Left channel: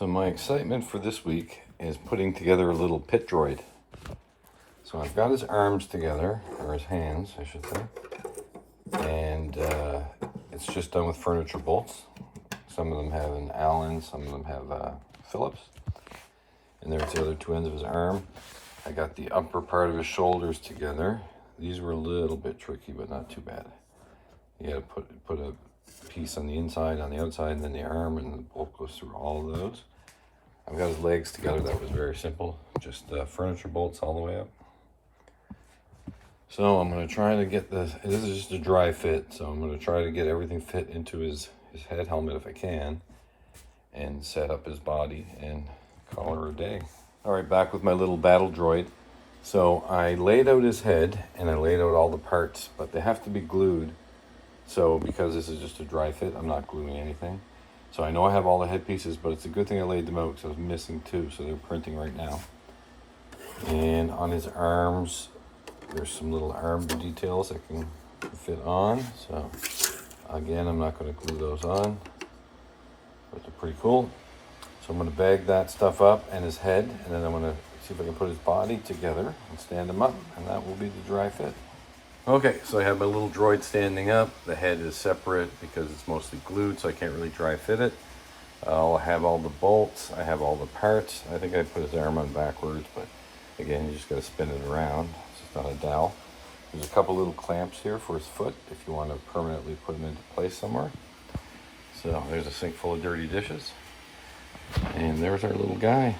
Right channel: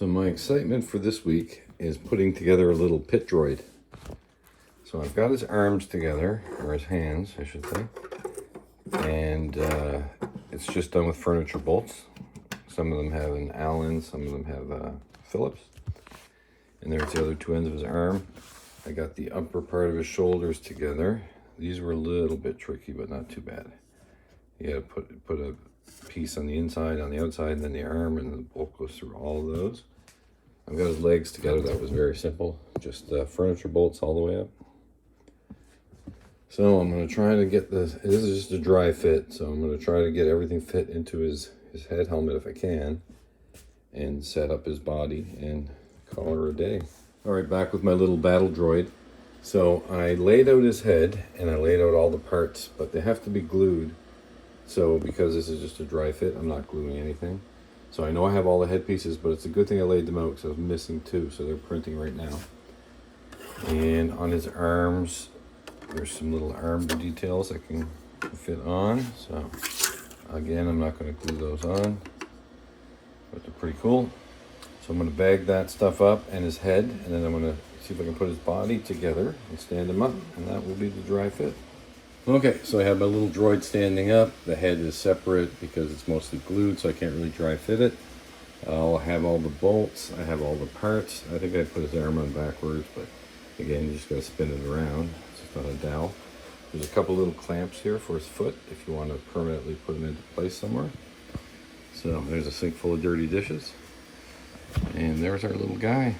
So my excitement for this week is putting together a little pit droid. So I've got his arms together, or his hands, I should say. And it's just done with furniture bolts. Some of them have an Allen, some of them have Phillips. And there's the other two ends of his arm. I got the upper part of his shoulders together. These were a little bit tricky, but not too bad. You gotta put a piece on the inside, on the outside, and then the arm, and the bolt goes through all of those. I've got his legs together. That was very simple. Just furniture bolts all the way up. So I'm gonna try to get this is just a dry fit, so I'm gonna try to get everything fit into his head helmet if I can, and set up his body and call her a day. All right, back with my little battle droid. So I laid out his head and I laid out all the parts, but they have to be glued. So because this is just a dry fit, I'm not gluing anything. So I know I have all the head pieces, but it's a good thing I laid them out because I was missing two, so they're printing right now. And on his arms, there's some little arm details I can fit on. So again, I'm not going to glue those on, but they're pretty cool. So I'm going to bag that stuff up and his head, and then I'm going to see if I can put his body together and stand him up, and that will be the dry fit. Okay, so I have my little droid standing up. The head is separate because it's mostly glued, so I can't really dry fit it. I'll have all the bolts. I have all the parts. I think I put his arm on backwards, but again, you just got to spin it around. It's got a dowel. There's a couple little clamps here for his foot if you want to permanently put him into place somewhere. So there's a sink full of dirty dishes. And there's our little guy.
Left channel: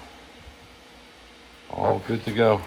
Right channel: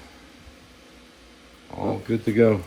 All good to go.